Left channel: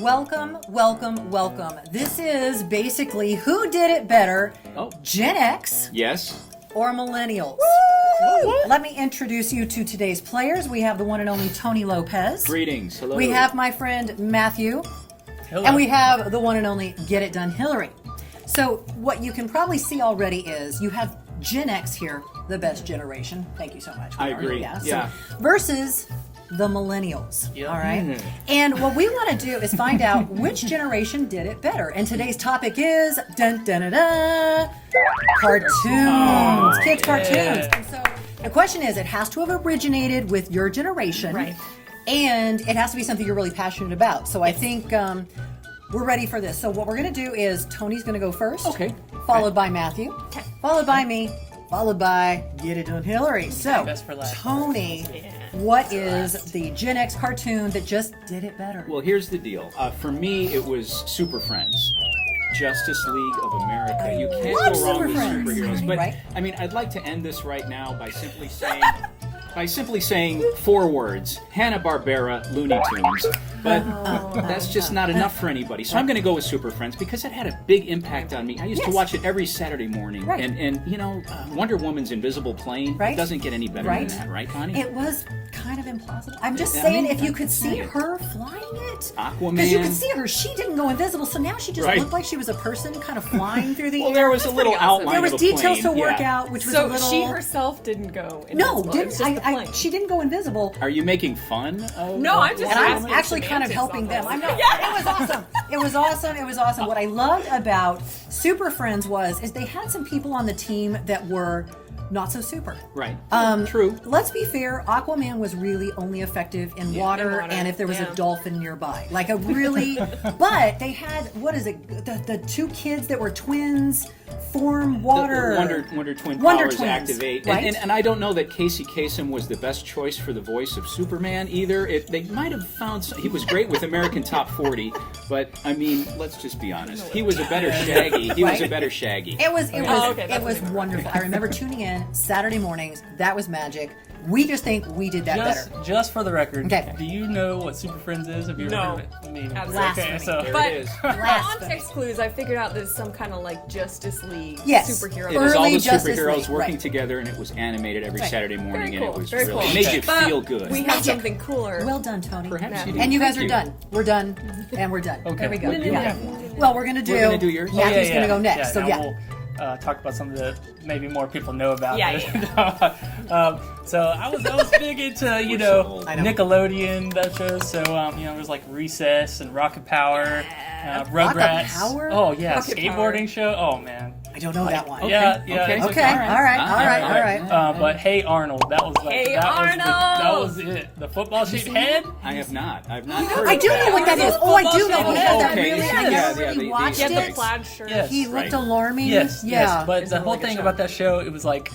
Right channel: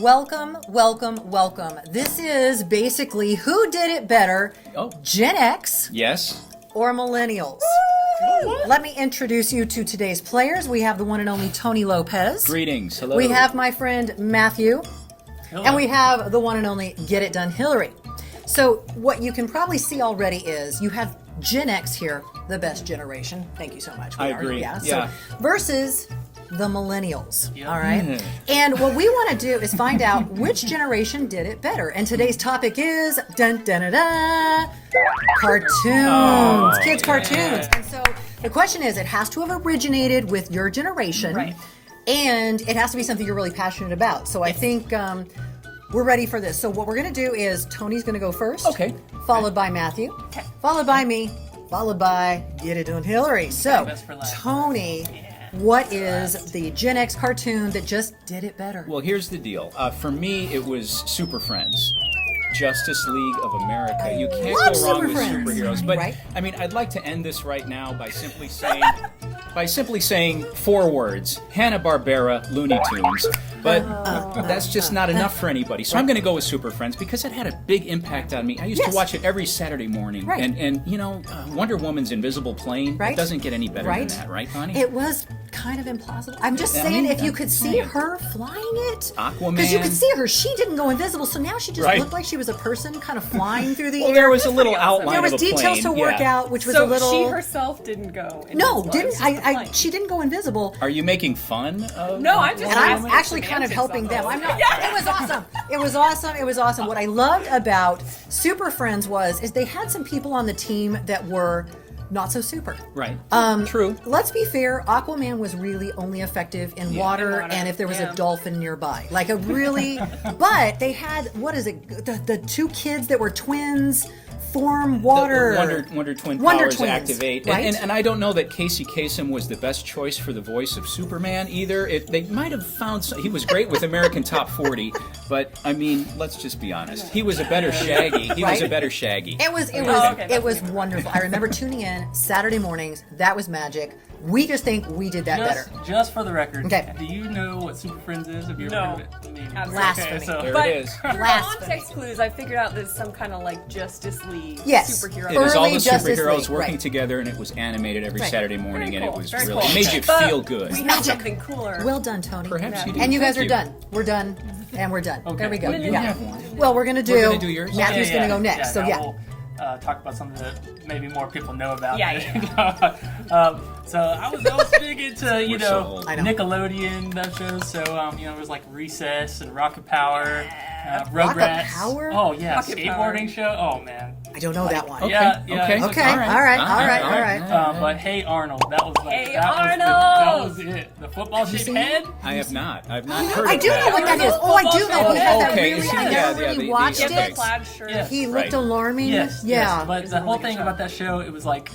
Welcome, welcome, welcome. This is basically who did it better, Gen X Yes. or Millennials. Let me introduce you to today's players. We have the one and only Tony Lopez. Greetings. Hello. We have my friend Matthew. Hello. And we have the one and only Get It Done Hillary. So what you can probably see already is you have Gen X here, the best generation. Thank you so much. I agree. Yeah. Yeah. So versus the Millennials. Yep. All right. And what we want to do is find out which generation did it better. And today's topic is cartoons, kids cartoons. And so the question is, it has to have originated with your generation, Right. and it has to be something you're really passionate about. So I think we're ready for this. So what we're going to do is Tony's going to go first. Okay. Followed by Matthew. Followed by me. Followed by Get It Done Hillary. So, Best for last. Tony, what is the Gen X cartoon that just did it better? Well, here's the deal. For me, it was Super Friends. Justice League of America. You can't love go wrong Super with Friends. superheroes. But Right. I mean, I'd like to end this right now by simply saying 4 words: Hanna-Barbera, Looney Tunes. But that's just not enough for anybody. So I'm going to go with Super Friends because it had a big impact on me. I used to watch it every Saturday morning. Right. And you know, Wonder Woman's invisible plane, Right. it doesn't get any better Right. than that, right, Connie? It was kind of implausible. I'm just I saying, mean, if you I'm could see saying. her flying it, Aquaman. because you could see her, she didn't go invisible, so now she just Right. looked like she was a person kind of flying through the Well, air. there was a It little pretty awesome. outline There was of a details plane, to work yeah. out, which was So a little. she herself didn't go No, invisible. It didn't was just the I? plane. She didn't go invisible. Are you making fun of? No, I'm just And I'm asking actually kind of semantics helping on them. this. I'm not. It was awesome. It was awesome. It was awesome. What I loved about Super Friends is they had some people on the team that were not so super. Right. True. Let's be fair. Aquaman was really only effective in water, and if there was a dolphin nearby, like a really. But they had the 2 kids that were twins form water. Wonder Twin Wonder powers Twins, activate, right? and I don't know that Casey Kasem was the best choice for the voice of Superman either. They might have found he was great with American Top 40, but I mean, let's just be honest. He was a better Shaggy. He was a better Shaggy. It was okay, it was wonderful. I remember tuning in Saturday mornings. That was magic. We just think we did that better. Just for the record, Okay. do you know what Super Friends is? Have you ever No. heard of it? I mean, Absolutely. okay, so There But it is. through context clues, I figured out there's some kind of like Justice League Yes. superhero. It was all Early the Justice superheroes League, working right. together, and it was animated every Right. Saturday morning, Very and cool. it was Very really cool. made you But feel good. we have Magic. something cooler. Well done, Tony. Perhaps you And you guys are Thank done. We're done, and we're done. Okay. There we go. Yeah. Yeah. Well, we're gonna do. We're gonna do yours? Matthew's gonna go next. Now So yeah. we'll talk about something that maybe more people know about. Yeah, So I was big into I know. Nickelodeon shows. So there was like Recess and Rocket Power, Rocket Rugrats. Power? Oh yeah, Rocket skateboarding show. Oh man. I don't know that one. Yeah. Okay. it's Okay. like- All right. But Hey Arnold, that was like Hey that Arnold! was it. The football shaped seen head. I have not. I've not heard I of do that. know what that is. Oh, I do know. He had that Okay. really. I Yeah, never yeah, really the- watched Get the it. plaid shirt. Yes. He looked Right. alarming. Yes. Yeah. But the a whole really thing good about that show, it was like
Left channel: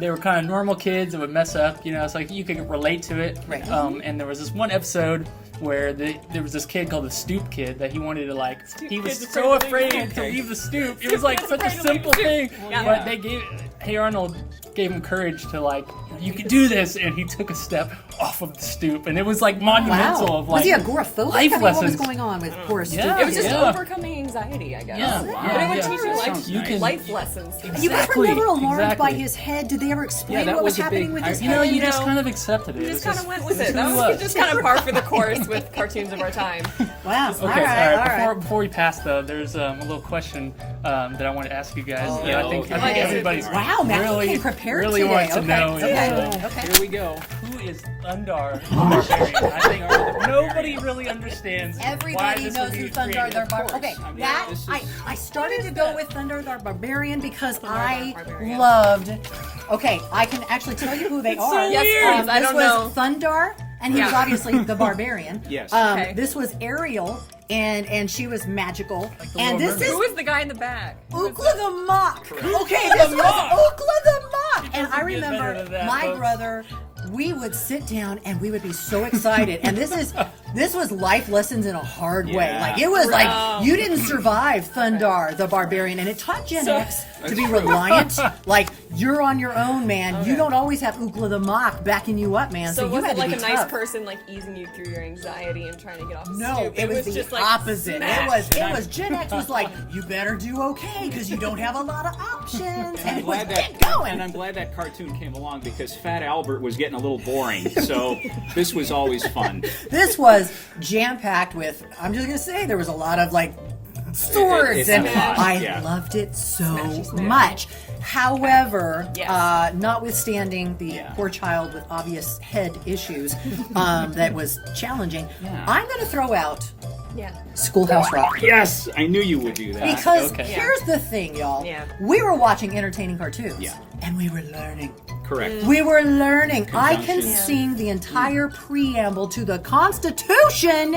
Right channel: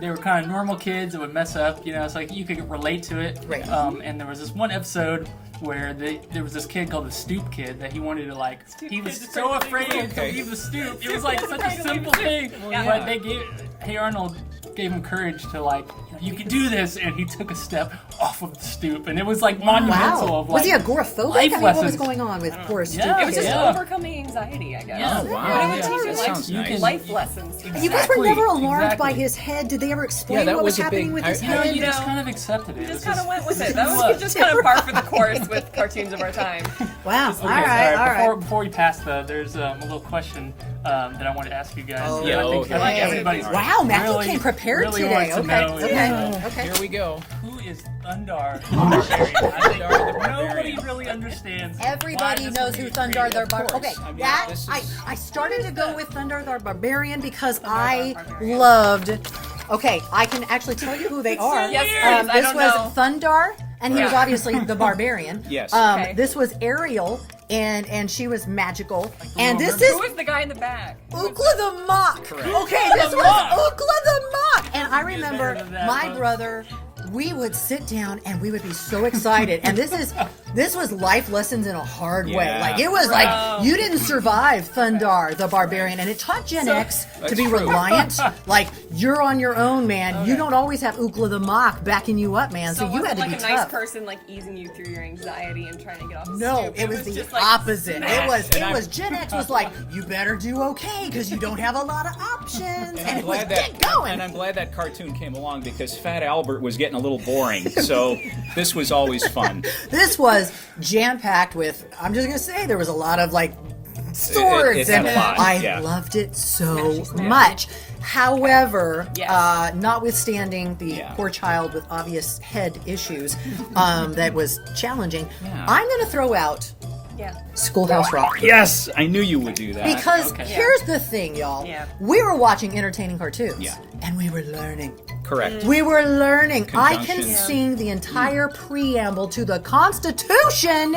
they were kind of normal kids that would mess up. It's like you could relate to it. Right. And there was this one episode where there was this kid called the Stoop Kid that he wanted to he was kid's so afraid to afraid to leave. leave the stoop. It was like such a simple thing, Yeah. but Hey Arnold gave him courage to you can do this, and he took a step off of the stoop, and it was like monumental. Wow. Of, Was he agoraphobic? life I mean, what was lessons. going on with poor Stu? Yeah, It was just Yeah. overcoming anxiety, I guess. Yeah, wow. But it would Yeah. teach you That life, sounds you nice. can- life lessons. You guys were Exactly, never alarmed by exactly. his head. Did they ever explain Yeah, that what was was a happening big- with his I- No, head? you just know. kind of accepted it. You It's just kind of went with it. it's That who was was. just kind of par for the course with cartoons of our time. Wow. Okay, all right. Before we pass, there's a little question that I want to ask you guys. Oh, that yeah, I think okay. everybody's Wow, Matthew really, came prepared really today. wants to Okay. know. Okay. Here we go. Who is Thundarr the Barbarian? I think Thundarr the nobody Barbarian. really understands. why Everybody this knows would who be Thundarr created. the Of Barbarian. course. Okay, I mean, that this is- I started to go with Thundarr the Barbarian because I Barbarian. loved. Okay, I can actually tell you who they are. Yes, please. I This don't was know. Thundarr, and he was Yeah. obviously the Barbarian. Yes. Okay. This was Ariel, and she was magical. the And little this is Who was the guy in the back? Ookla the Mock. Okay, this was Ookla the Mock. And I remember better than that, my folks. brother, we would sit down and we would be so excited. And this was life lessons in a hard way. Yeah. Like it was like you didn't survive Thundarr the Barbarian, and it taught Gen X to be reliant. Like, you're on your own, man. You don't always have Ookla the Mock backing you up, man. So, So you was had it to like be a nice tough. person like easing you through your anxiety and trying to get off the No, stoop? it was the just like opposite. smash. It was Gen X was like, you better do okay because you don't have a lot of options. And it was get going. And I'm glad that cartoon came along because Fat Albert was getting a little boring. So this was always fun. This was jam-packed with, I'm just going to say, there was a lot of like swords. It's and a lot, I yeah. loved it so Smashy. much. However, Yes. notwithstanding the Yeah. poor child with obvious head issues that was challenging, Yeah. I'm going to throw out Yeah. Schoolhouse Rock. Yes, I knew you would do that. Because Okay. here's the thing, y'all. Yeah. We were watching entertaining cartoons. Yeah. And we were learning. Correct. We were learning. I can Conjunction. sing the entire preamble to the Constitution.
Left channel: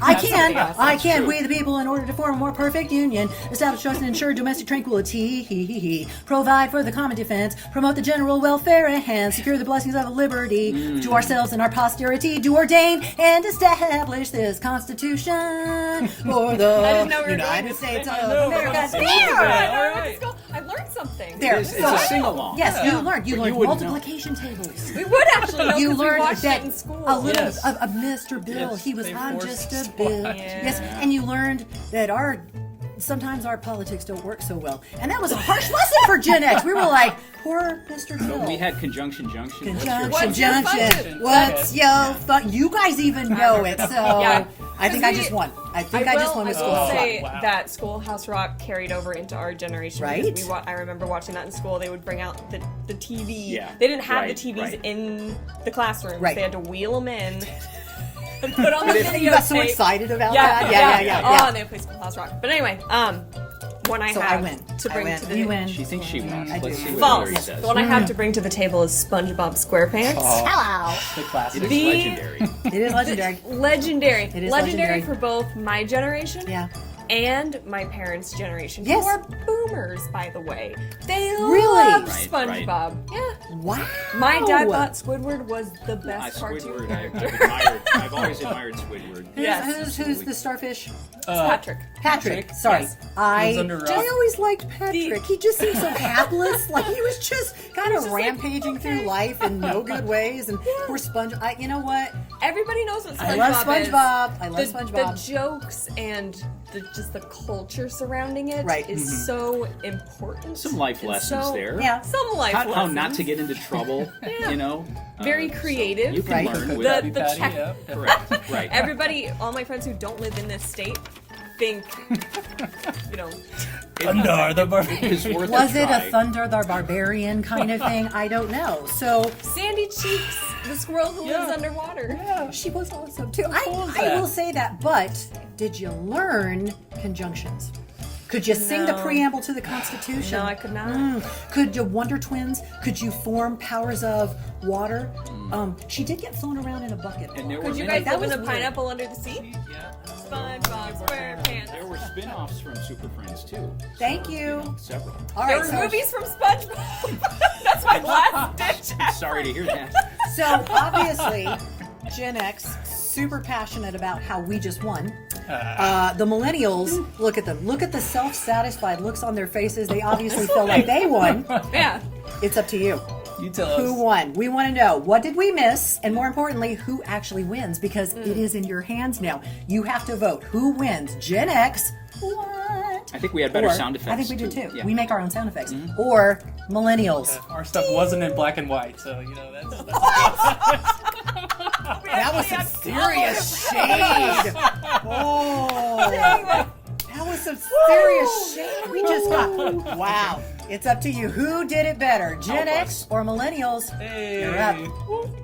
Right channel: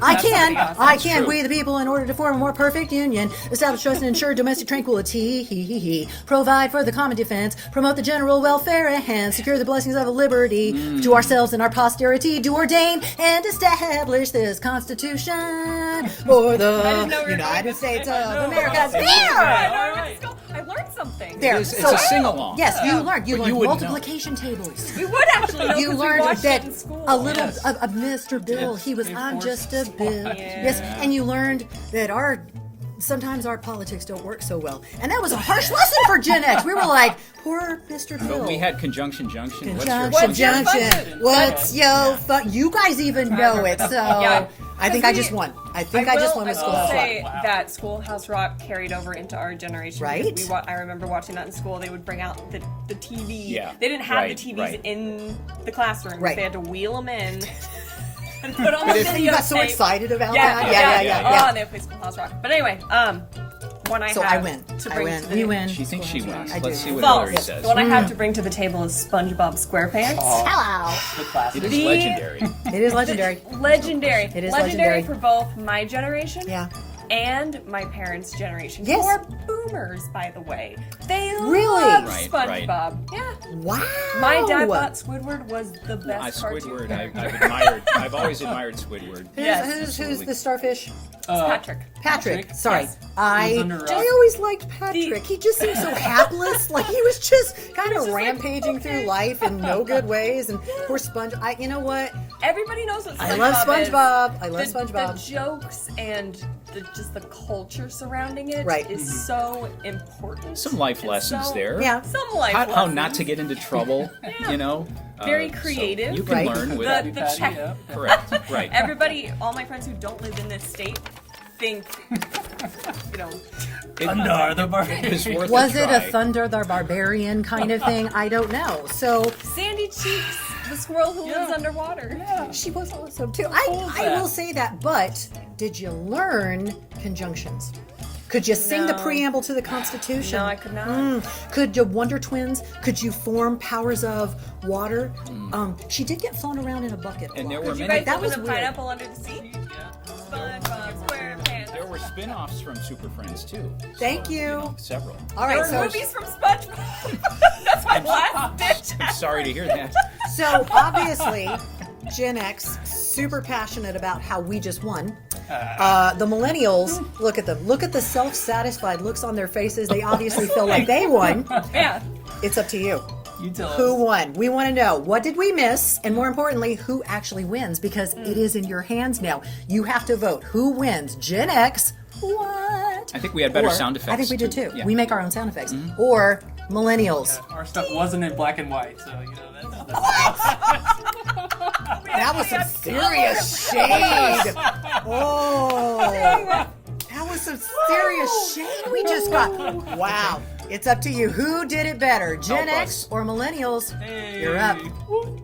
I can. We the people, in order to form a more perfect union, establish trust and ensure domestic tranquility, provide for the common defense, promote the general welfare and secure the blessings of liberty to ourselves and our posterity, do ordain and establish this Constitution for the United States of America. There! I learned something. There. It's a sing-along. Yes, you learned. You But learned you wouldn't know. multiplication tables. We would actually know You 'cause we learned watched that it in school. a little Yes. of Mr. Bill. Yes, He was, they I'm forced just a us. Bill. Yeah. Yes, and you learned that sometimes our politics don't work so well. And that was a harsh lesson for Gen X. We were like, poor Mr. Bill. We had conjunction junction. What's your- Junction, What's your junction. budget? What's your You guys even know it, so Yeah. I think I just won. I think I just won with I will Schoolhouse Rock. say that Schoolhouse Rock carried over into our generation. Right. I remember watching that in school. They would bring out the TV. Yeah. They didn't have Right, the TVs right. in the classrooms. Right. They had to wheel them in. And put on the You video got so tape. excited about Yeah, that. Yeah. Oh, they would play Schoolhouse Rock. But anyway, when I So I had win. to I bring win. to the We win. She thinks she wins. I Let's do. see what False. Hillary says. The one I had to bring to the table is SpongeBob SquarePants. Hello. Good classic. It is The- legendary. It is legendary. Legendary. It is legendary legendary. for both my generation Yeah. and my parents' generation. Yes. Who are boomers, by the way. They Really? love Right, right. SpongeBob. Yeah. Wow. My dad thought Squidward was the best cartoon Squidward. character. I've always admired Squidward. Yes. Who's the starfish? Patrick. Patrick. Sorry. Yes. I Who's under rock? always liked Patrick. He just seemed so hapless. Like he was just kind of just like, rampaging through life in no good ways. And poor Sponge. You know what? Everybody knows what SpongeBob I love is. SpongeBob. I love The SpongeBob. jokes and just the culture surrounding it is Right. so important. Some life It's lessons so- there. Yeah. Some life How lessons. not to get into trouble, Yeah. you know? Very So creative. you can Right. learn Cook with Krabby the Patty, check- yeah. Correct. Right. Everybody, all my friends who don't live in this state, think, Thundarr the Barbarian. It was worth Was a it try. a Thundarr the Barbarian kind of thing? I don't know. So Sandy Cheeks, the squirrel who lives Yeah. underwater. Yeah. she was awesome too. I will say that. But did you learn conjunctions? Could you sing the No. preamble to the Constitution? No, I could not. Could you Wonder Twins? Could you form powers of water? She did get flown around in a bucket. a And there lot. were Could you many- guys That live in was a weird. pineapple under the sea? SpongeBob SquarePants. There were spin-offs from Super Friends too. Thank you. Several. All There right, were so, movies from SpongeBob. That's my last ditch. Sorry to hear that. so obviously, Gen X super passionate about how we just won. The millennials, look at them. Look at the self-satisfied looks on their faces. They obviously feel like they won. Yeah. It's up to you. You tell Who us. won? We want to know, what did we miss? And more importantly, who actually wins? Because it is in your hands now. You have to vote. Who wins? Gen X? What? I think we had better Or- sound effects. I think we did too. Yeah. We make our own sound effects. Or millennials. Our stuff wasn't in black and white, so you know that's That was some serious shade. Oh, that was some serious shade. We just got. Wow. It's up to you. Who did it better, Gen X or millennials? You're up. Woo.